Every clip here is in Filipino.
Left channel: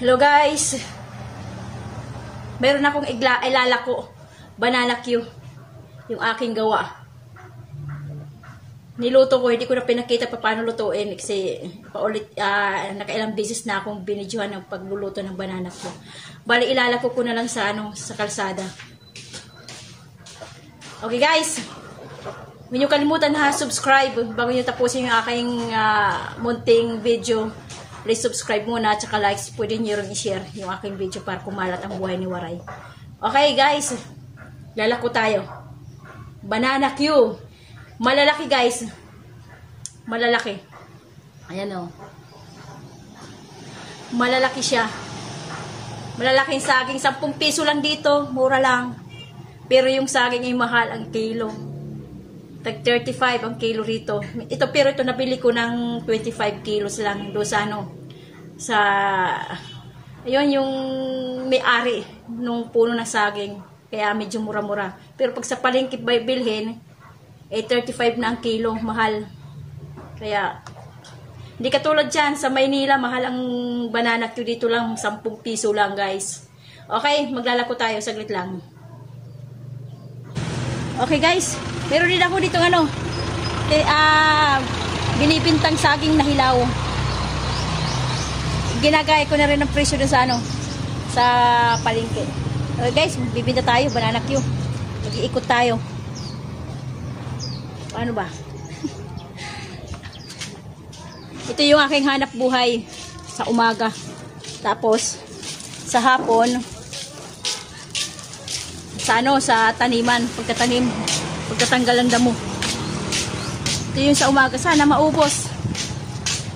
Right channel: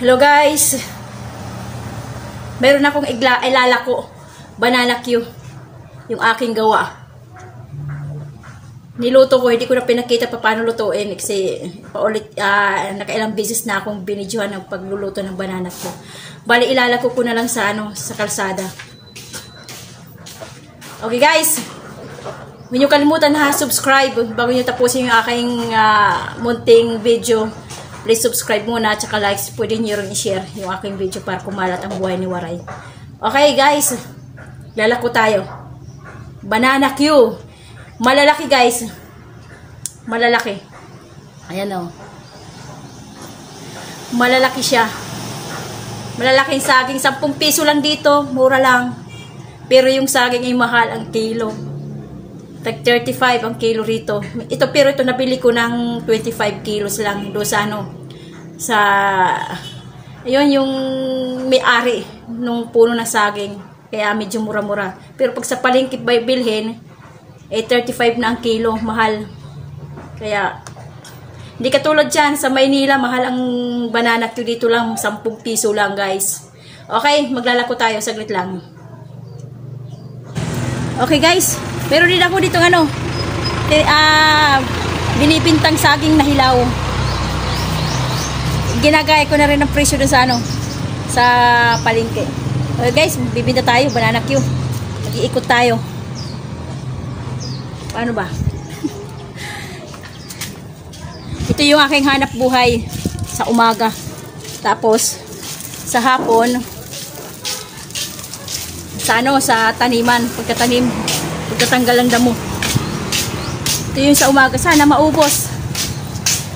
Hello guys, meron akong ilalako, banana Q, yung aking gawa. Niluto ko, hindi ko na pinakita pa paano lutuin kasi paulit, nakailang beses na akong binidyohan ng pagluluto ng banana Q. Bali, ilalako ko na lang sa, sa kalsada. Okay guys, huwag niyo kalimutan na subscribe bago niyo tapusin yung aking munting video. Please subscribe muna at saka likes. Pwede nyo rin i-share yung aking video para kumalat ang buhay ni Waray. Okay guys, lalako tayo. Banana Q. Malalaki guys. Malalaki. Ayan o. Malalaki siya. Malalaking saging. 10 piso lang dito. Mura lang. Pero yung saging ay mahal ang kilo. Tag 35 ang kilo rito. Pero ito nabili ko ng 25 kilos lang do sa sa ayun yung may-ari nung puno na saging. Kaya medyo mura-mura. Pero pag sa palengke bilhin, 35 na ang kilo, mahal. Kaya hindi katulad dyan sa Maynila, mahal ang banana Q dito lang, 10 piso lang guys. Okay, maglalako tayo, saglit lang. Okay guys, meron din ako dito binibintang saging na hilaw. Ginagaya ko na rin ang presyo dun sa sa palengke. Okay guys, bibinta tayo, banana Q. Mag-iikot tayo. Paano ba? Ito yung aking hanap buhay sa umaga. Tapos sa hapon sa taniman, pagkatanggal ang damo. Ito yung sa umaga. Sana maubos.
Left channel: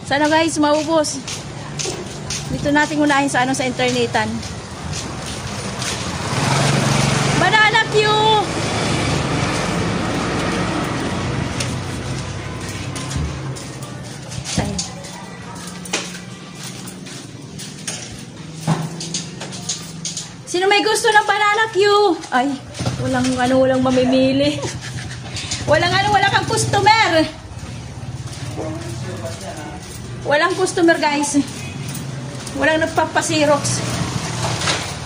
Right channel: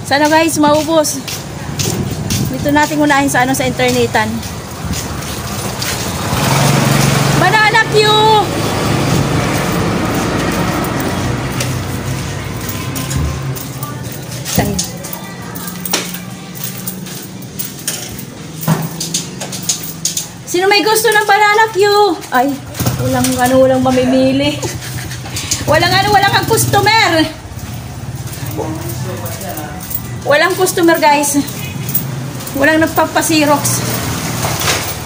Sana guys, maubos. Dito natin unahin sa sa internetan. Banana Q! Tayo. Sino may gusto ng banana Q? Ay, walang mamimili. walang kang customer. Walang customer guys. Walang nagpapasirox.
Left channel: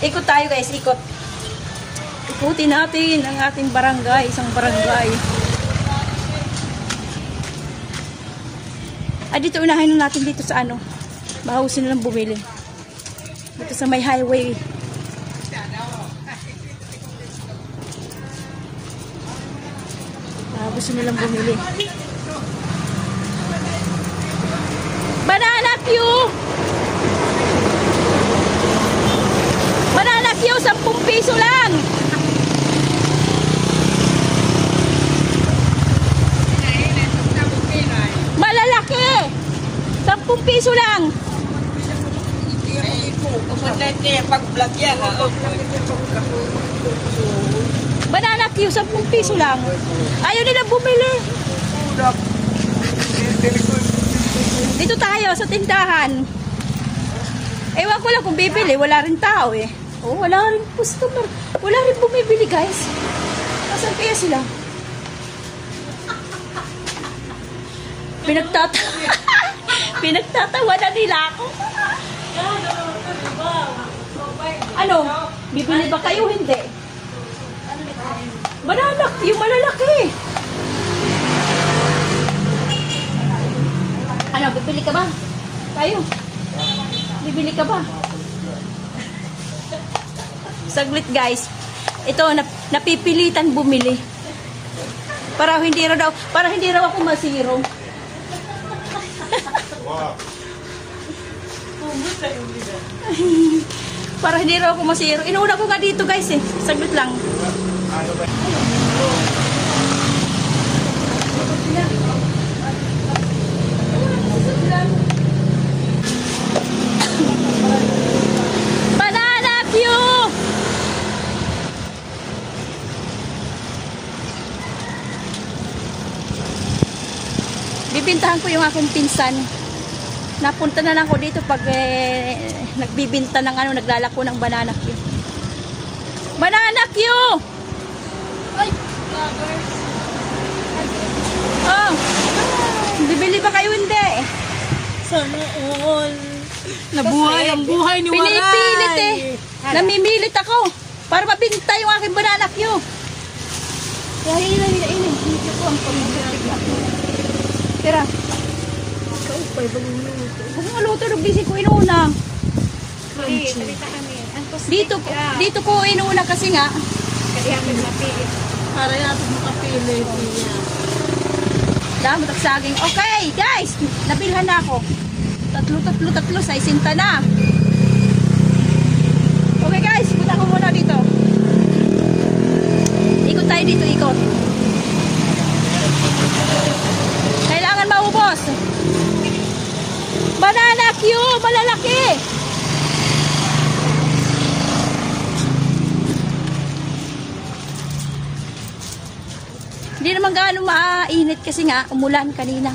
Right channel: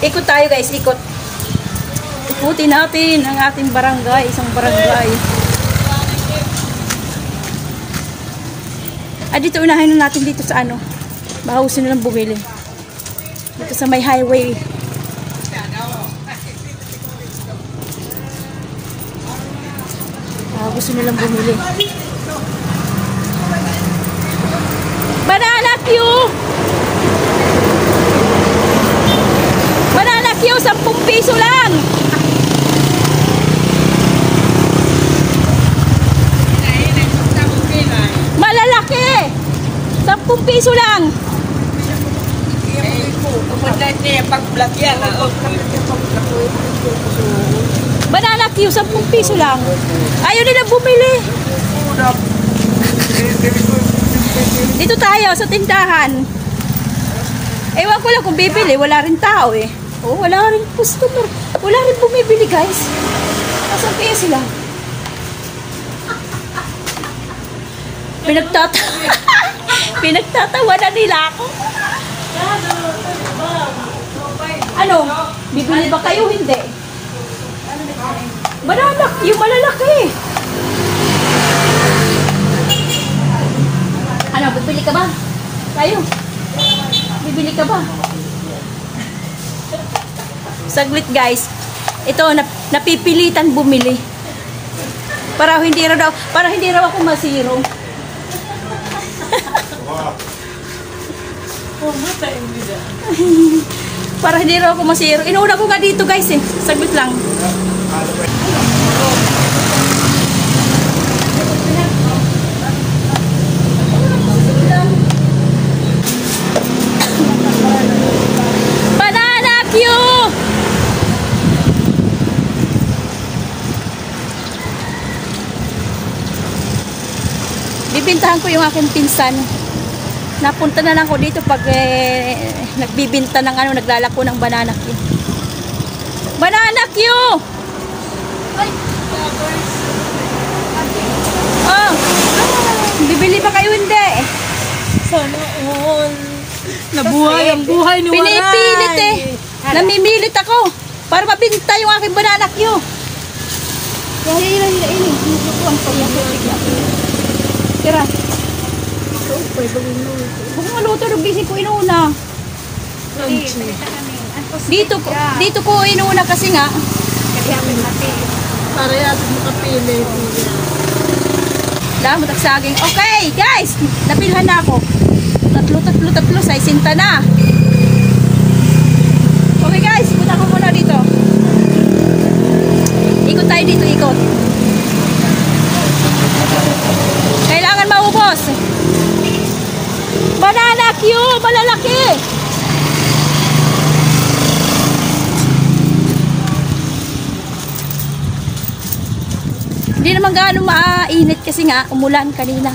Ikot tayo guys, ikot. Ikutin natin ang ating barangay, isang barangay. Dito unahin na natin dito sa Mahusin na lang bumili. Dito sa may highway. Gusto nilang bumili. Banana Q! Banana Q, 10 piso lang! Malalaki! 10 piso lang! Banana Q, 10 piso lang! Ayaw nila bumili. Dito tayo sa tindahan. Ewan ko lang kung bibili. Wala rin tao eh. Oh, wala rin customer. Wala rin bumibili guys. Nasaan kaya sila? Pinagtatawa na nila ako. Bibili ba kayo? Hindi. Banana Q, malalaki. Bibili ka ba? Tayo. Bibili ka ba? Saglit guys. Ito, napipilitan bumili. Para hindi raw ako masiro. Para hindi raw ako masiro. Inuuna ko nga dito guys eh. Saglit lang. Banana Q! Bibintahan ko yung aking pinsan. Napunta na lang ko dito pag nagbibinta ng naglalako ng banana Q. Banana Q! Oh, bibili ba kayo hindi? Sana all. na buhay ang buhay ni Waray. Pinipilit eh. Namimilit ako para mabinta yung aking banana Q. Kaya ilo. Ang pagyakutik. Tira. Kung maluto, nagbisi ko inuna. Dito ko inuna kasi nga. Para yato makapili. Dami tagsaging. Okay, guys. Napilhan na ako. Tatlo. Sa isinta na. Okay, guys. Punta ko muna dito. Ikot tayo dito, ikot. Kailangan maubos. Banana Q, malalaki. Hindi naman gaano mainit kasi nga umulan kanina.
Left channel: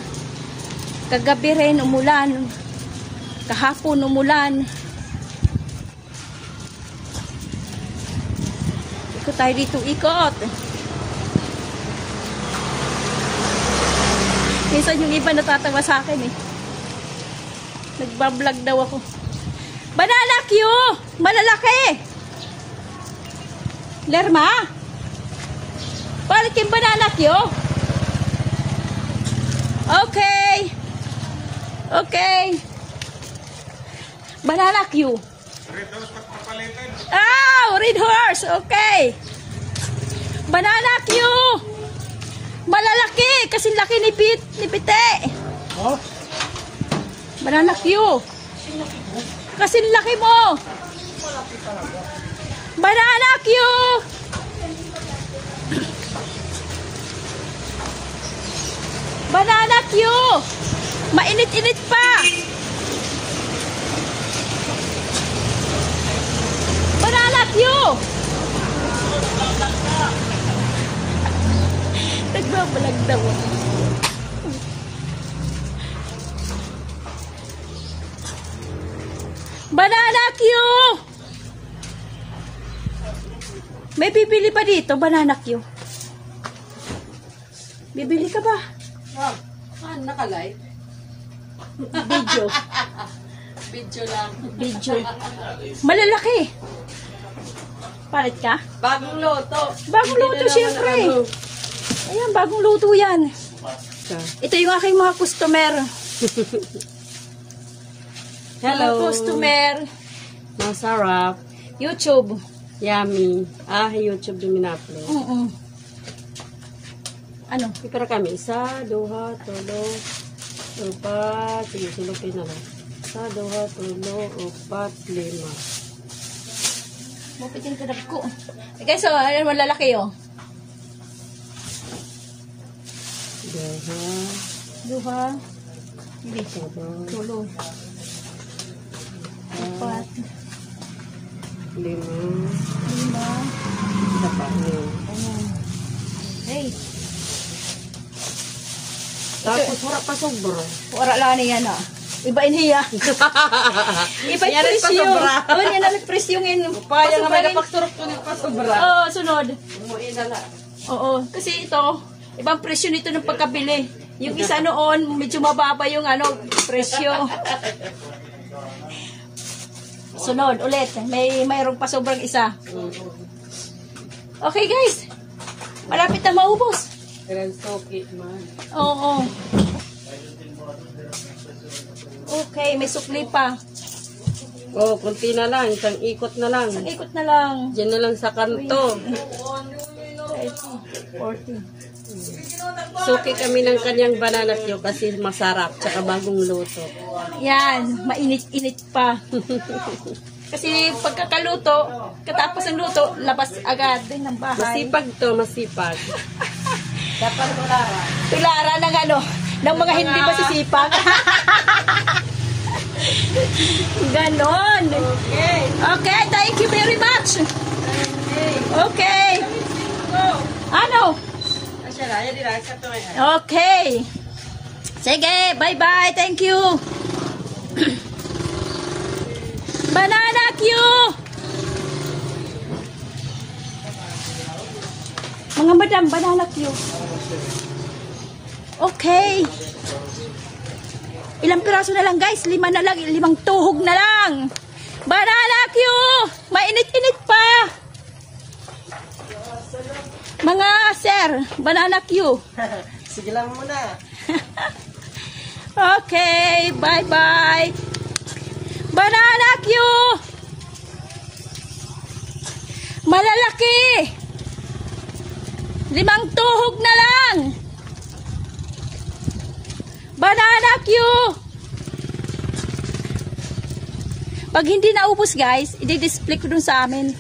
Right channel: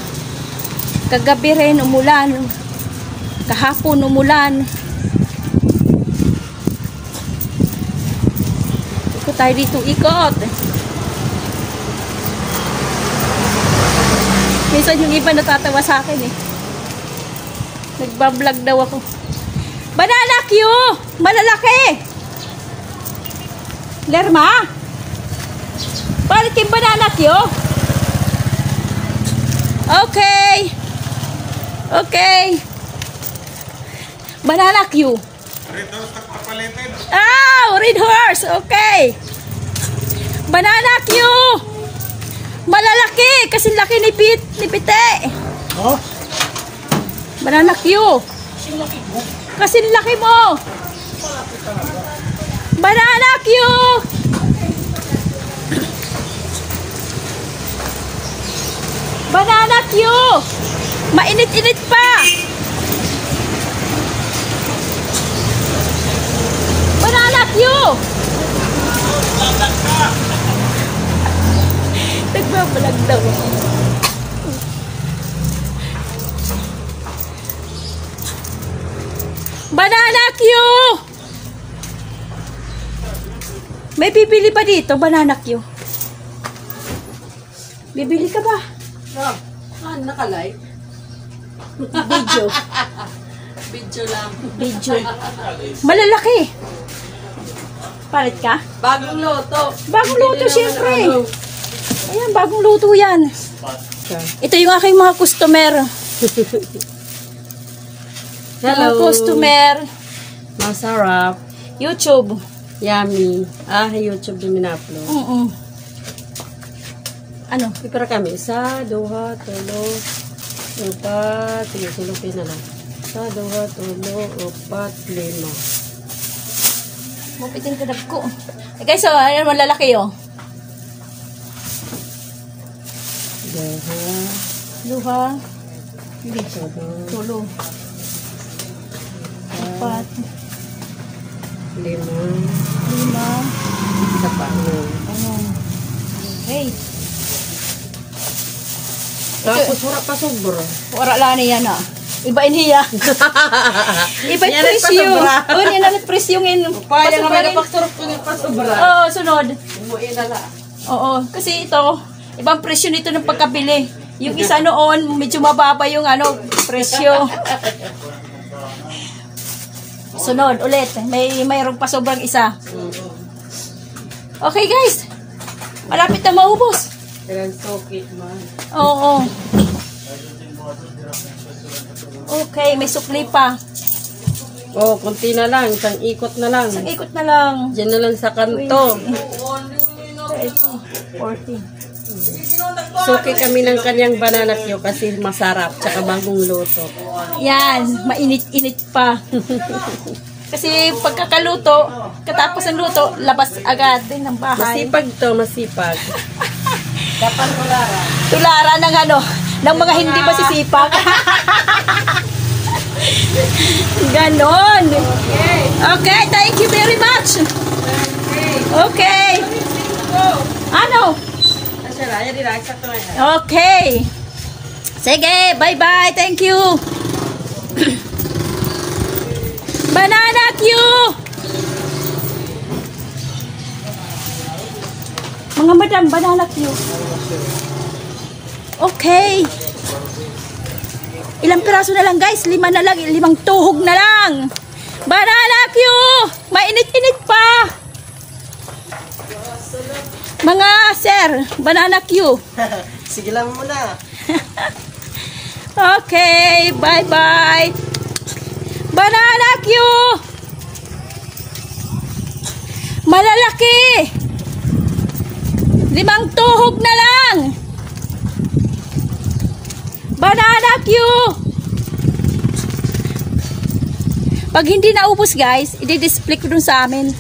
Kagabi rin umulan. Kahapon umulan. Ikot tayo dito, ikot. Minsan yung iba natatawa sa akin eh. Nagbablog daw ako. Banana Q! Malalaki! Lerma? Balik yung banana Q? Okay. Banana Q. Red horse. Okay. Banana Q. Malalaki. Kasi laki ni Pite. Oh? Banana Q. Kasi laki mo. Banana Q. Banana Q. Mainit-init pa. Banana Q. Nagbabalag daw. Banana Q. May bibili ba dito, Banana Q? Bibili ka ba? Naka-live? Video. Video lang. Video. Malalaki. Palit ka? Bagong loto. Bagong luto, syempre. Ayan, bagong luto yan. Ito yung aking mga customer. Mga customer. Masarap. YouTube. Yummy. YouTube din in-upload. Ano? Ipara kami. 1, 2, 3, 4, silupin na lang. 1, 2, 3, 4, 5. Mapitin ka ko. Eh guys, ano malalaki yun? Luha. Hindi. Tulo. 4. 5. 5. Isa pa. Hey. Tapos wala pa sobra. Wala lang niya na. Iba niya. Iba yung presyo. Oo, yan ang presyo ngayon. Paya nga may napaksurok ko ng pasobra. Oo, sunod. Umuwi na lang. Oo, kasi ito, ibang presyo nito ng pagkabili. Yung isa noon, medyo mababa yung presyo. Sunod, ulit. Mayroong pa sobrang isa. Okay guys, malapit na maubos. Kailan soki, man. Oo. Okay, may sukli pa. Oh, konti na lang. Isang ikot na lang. Isang ikot na lang. Diyan na lang sa kanto. 40. Soki kami ng kanyang banana Q kasi masarap. Tsaka bagong luto. Yan, mainit-init pa. Kasi pagkakaluto, katapos ng luto, labas agad din ng bahay. Masipag to, masipag. Dapat tularan. Tularan ng mga hindi masisipag. Ganon. Okay, thank you very much. Okay. Ano? Okay. Sige, bye-bye. Thank you. Banana Q. Mga madam, banana Q. Okay. Ilang piraso na lang guys? 5 na lang. 5 tuhog na lang. Banana Q! Mainit-init pa. Mga sir, Banana Q. Sige lang muna. Okay, bye-bye. Banana Q! Malalaki. 5 tuhog na lang. Banana Q! Pag hindi naubos guys, i-display ko dun sa amin.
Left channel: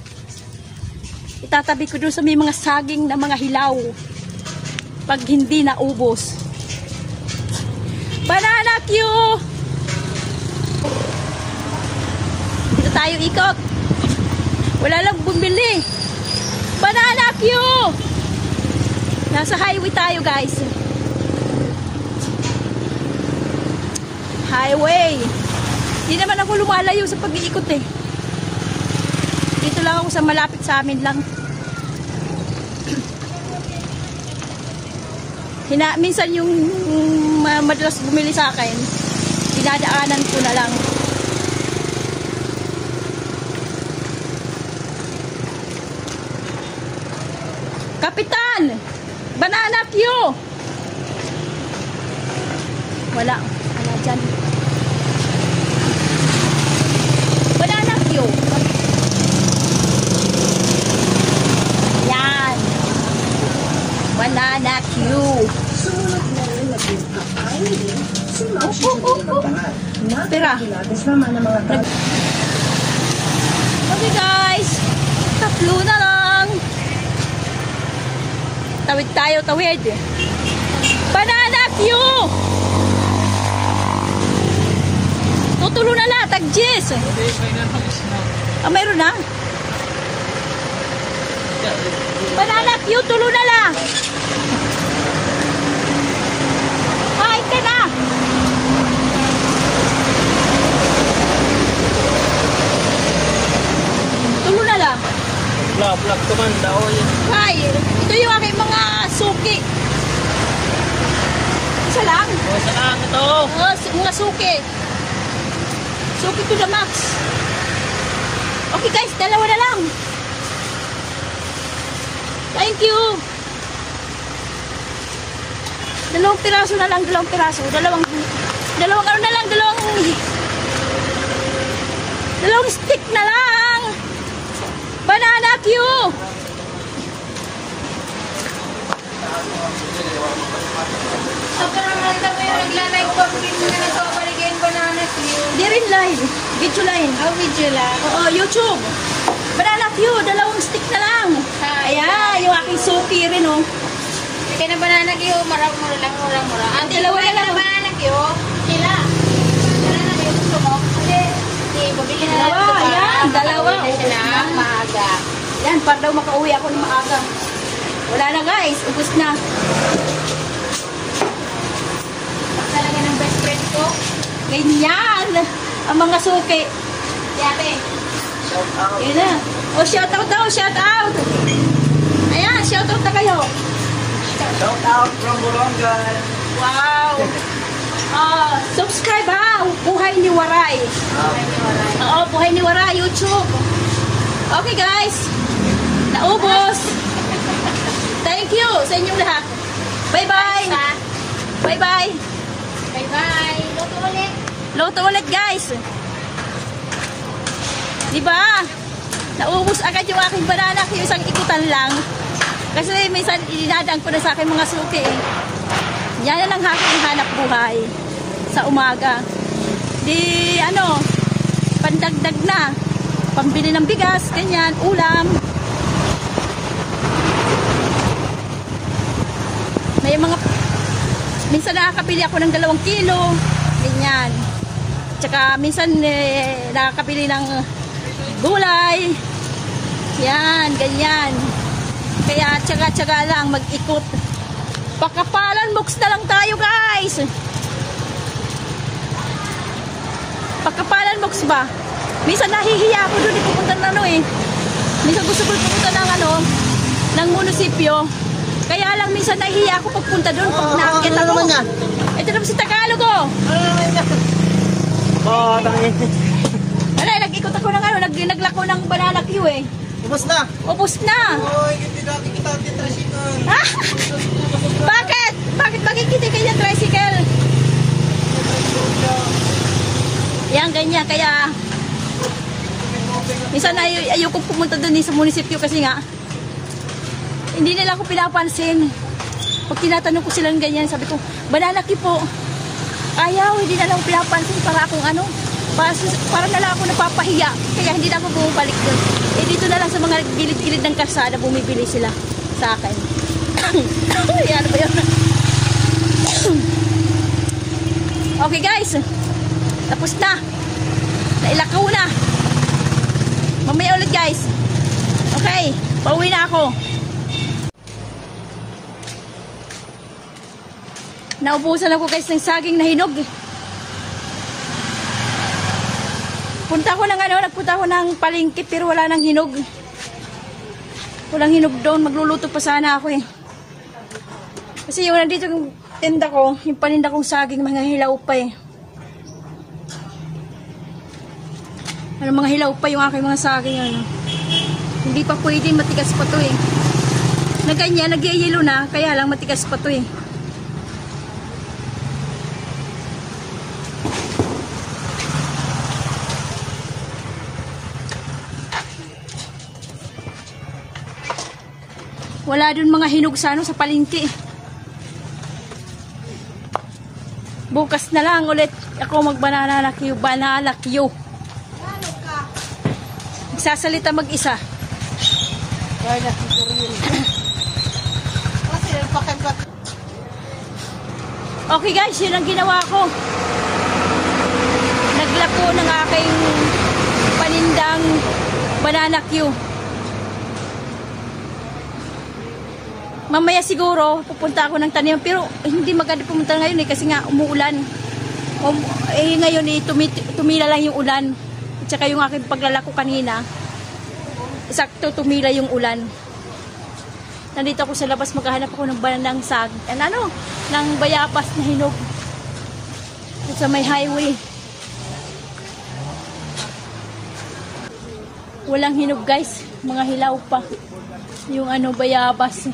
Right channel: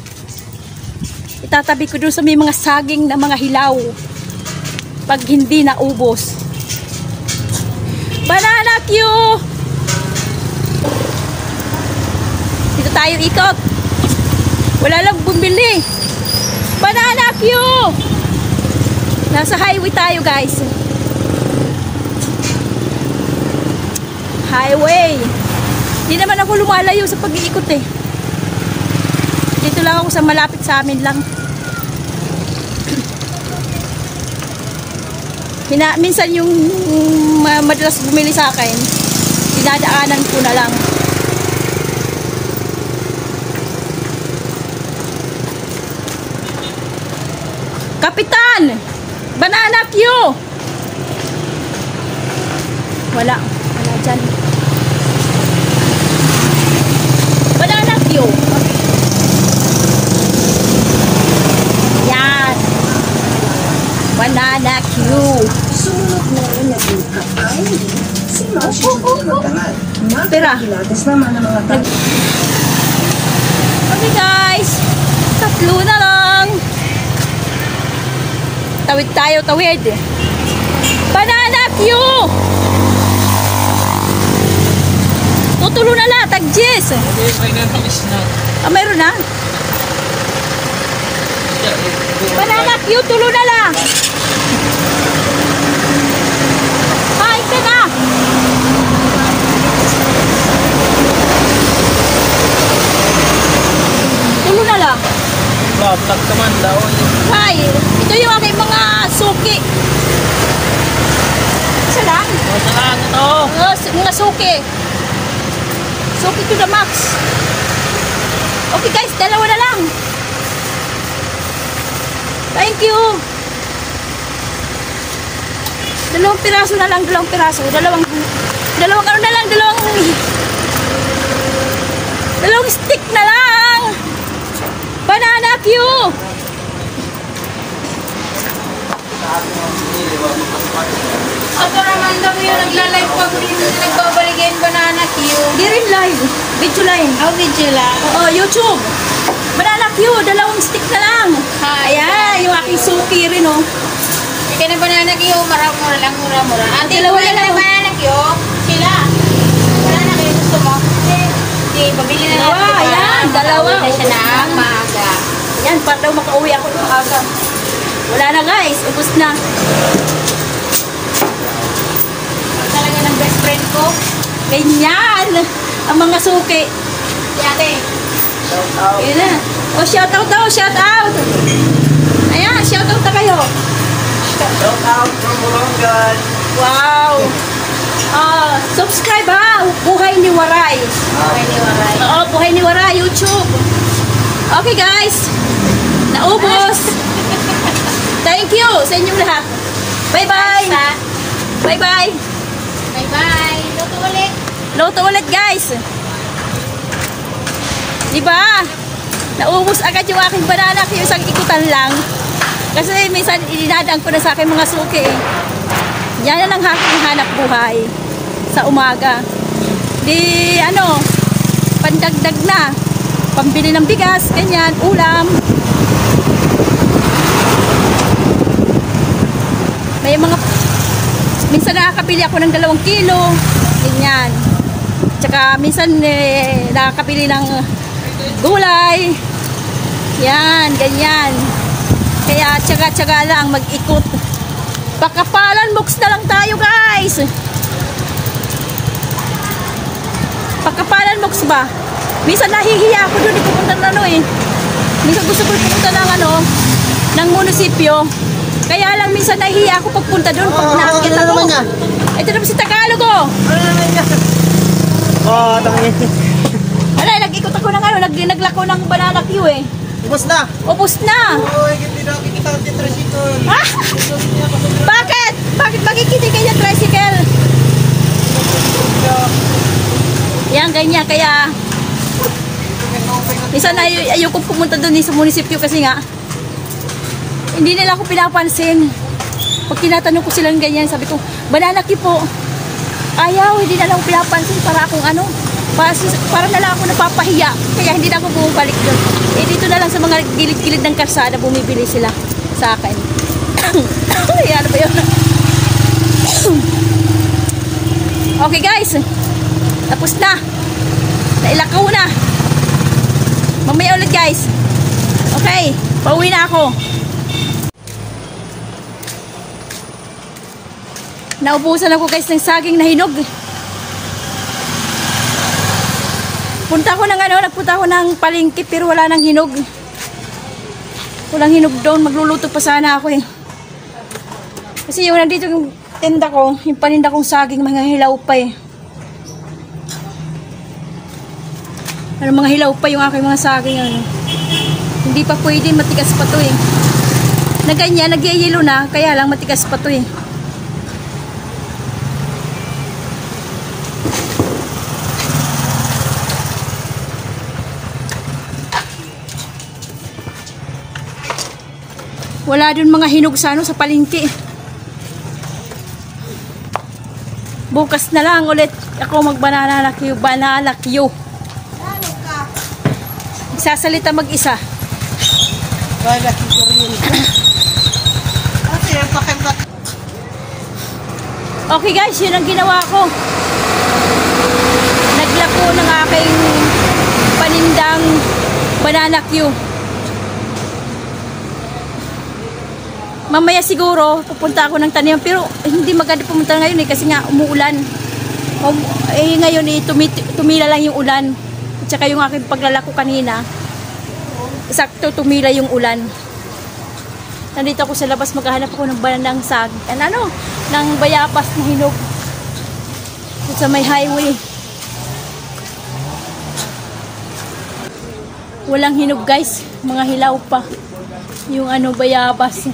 Itatabi ko dun sa may mga saging na mga hilaw. Pag hindi naubos. Banana Q! Dito tayo ikot. Wala lang bumili. Banana Q! Nasa highway tayo guys. Highway. Hindi naman ako lumalayo sa pag-iikot eh. Dito lang ako sa malapit sa amin lang. Minsan yung madalas bumili sa akin, dinadaanan ko na lang. Kapitan! Banana Q! Wala. Wala dyan. Banana Q! Yan. Banana Q. Sumunod na rin naging kakain si Moshi Judy Magdangal. Pera. Nakakahilatis naman ang mga tao. Okay guys. 3 na lang. Tawid tayo, tawid. Banana Q! Tutulo na lang, tag-jis. Ah, mayroon na? Banana Q, tulo na lang. Kain ka na. Tulo na lang. Blak naman daw. Hi, ito yung aking mga suki. Isa lang? Sa lang ito. Oo, mga suki. Suki to the max. Okay guys, 2 na lang. Thank you. 2 piraso na lang, 2 piraso. Dalawang ano na lang, dalawang stick na lang. Banana Q. Ako naman daw yung nagla-live pag rin nagbabalik yung Banana Q. Di rin live. Video line. Oh, video lang. Oo, YouTube. Banana Q, 2 stick na lang. Hi. Ayan, yung aking suki rin oh. Kaya na Banana Q, mura lang, mura. Ate, Dalawa wala na lang. na Banana Q. Sila. Banana Q, gusto mo? Okay, pabili na Dalawa, yan, 2. Pabili na siya na maaga. Yan, para daw makauwi ako ng maaga. Wala na guys, ubos na. Talaga ng best friend ko. Ganyan, ang mga suki. Si ate. Ayan na. Oh, shout out daw, shout out. Ayan, shout out na kayo. Shout out from Olongan. Wow. Subscribe ha, Buhay ni Waray. Okay, ni Waray. Oo, Buhay ni Waray, YouTube. Okay guys, naubos. Thank you sa inyong lahat. Bye-bye. Bye-bye. Bye-bye. Tuto ulit. Loto ulit guys. Diba? Naubos agad yung aking banana yung isang ikutan lang. Kasi minsan ininadaan ko na sa aking mga suki eh. Yan na lang aking hanap buhay sa umaga. Di ano, pandagdag na. Pambili ng bigas, ganyan, ulam. May mga, minsan nakakabili ako ng 2 kilo. Ganyan. Tsaka minsan nakakabili ng gulay. Yan, ganyan. Kaya tsaga-tsaga lang mag-ikot. Pakapalan box na lang tayo guys. Pakapalan box ba? Minsan nahihiya ako doon pupunta na minsan gusto ko pupunta ng munisipyo. Kaya lang minsan nahihiya ako pagpunta doon pag nakikita ko. Ito na po si Tagalog oh. Oh, tama. Wala, nag-ikot ako ng ano, naglako ng banana Q eh. Ubus na. Ubus na. Uy, hindi na kita ang tricycle. Ah! Bakit? Bakit makikita kayo ng tricycle? Yan, ganyan. Kaya, isa na ayoko pumunta doon sa munisipyo kasi nga, hindi nila ako pinapansin. Pag tinatanong ko sila ng ganyan, sabi ko, banana Q po. Ayaw, hindi na lang ako pinapansin para akong ano, para na lang ako napapahiya. Kaya hindi na ako bumabalik doon. Eh, dito na lang sa mga gilid-gilid ng kalsada, bumibili sila sa akin. Ay, ano ba yun? Okay guys, tapos na. Nailakaw na. Mamaya ulit guys. Okay, pauwi na ako. Naubusan ako guys ng saging na hinog. Nagpunta ako ng palengke pero wala nang hinog. Walang hinog doon. Magluluto pa sana ako eh. Kasi yung nandito yung tinda ko, yung paninda kong saging, mga hilaw pa eh. Ano, mga hilaw pa yung aking mga saging. Ano. Hindi pa pwede, matigas pa to eh. Na ganyan, nagyayelo na, kaya lang matigas pa to eh. Wala dun mga hinog sa ano, sa palengke. Bukas na lang ulit ako mag-banana Q. Banana Q. Magsasalita mag-isa. Okay guys, yun ang ginawa ko. Naglako ng aking panindang banana Q. Mamaya siguro pupunta ako ng taniman pero hindi maganda pumunta ngayon eh kasi nga umuulan. Ngayon eh tumila lang yung ulan. At saka yung aking paglalako kanina, sakto tumila yung ulan. Nandito ako sa labas, maghahanap ako ng bananang ng bayabas na hinog. At sa may highway. Walang hinog guys, mga hilaw pa. Yung bayabas.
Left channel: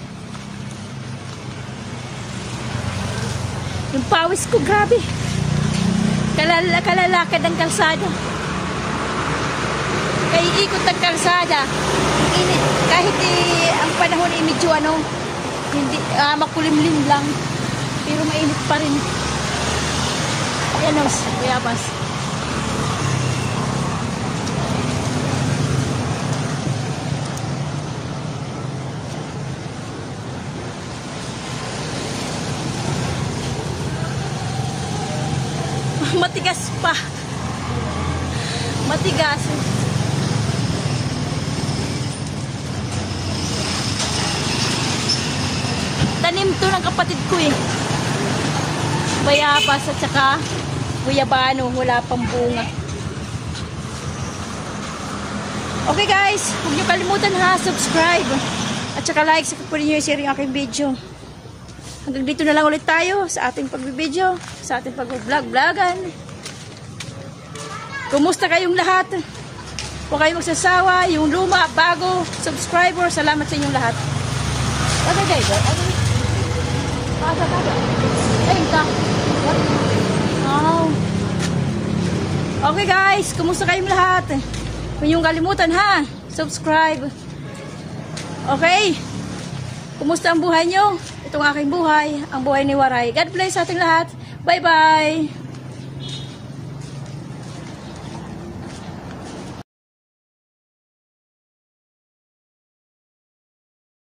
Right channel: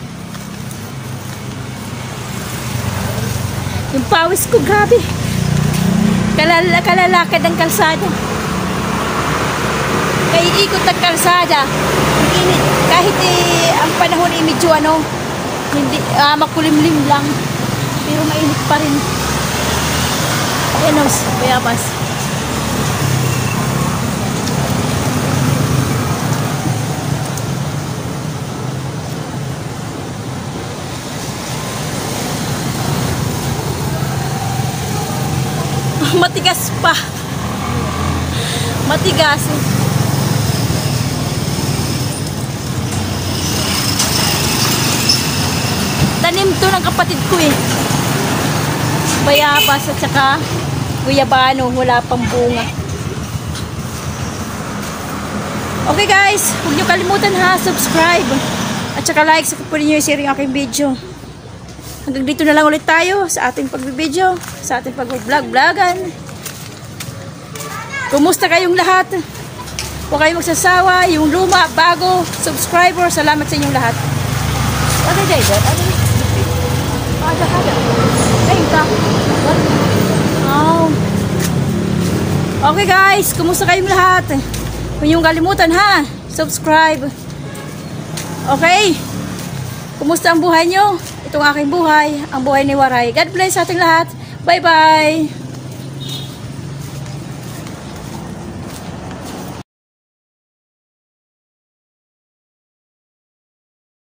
Yung pawis ko, grabe. Kalalakad ang kalsada. Ikot ang kalsada. Kahit ang panahon ay medyo hindi, makulimlim lang. Pero mainit pa rin. Ayan o, bayabas. Matigas pa. Matigas. Tanim to ng kapatid ko eh. Bayabas at saka guyabano. Wala pang bunga. Okay guys, huwag nyo kalimutan ha, subscribe. At saka like sa kapatid nyo i-share yung aking video. Hanggang dito na lang ulit tayo sa ating pagbibideo, sa ating pag-vlog-vlogan. Kumusta kayong lahat? Huwag kayong magsasawa, yung luma, bago, subscriber, salamat sa inyong lahat. Okay guys, okay guys, kumusta kayong lahat? Huwag niyong kalimutan ha, subscribe. Okay, kumusta ang buhay nyo? Itong aking buhay, ang buhay ni Waray. God bless sa ating lahat. Bye-bye!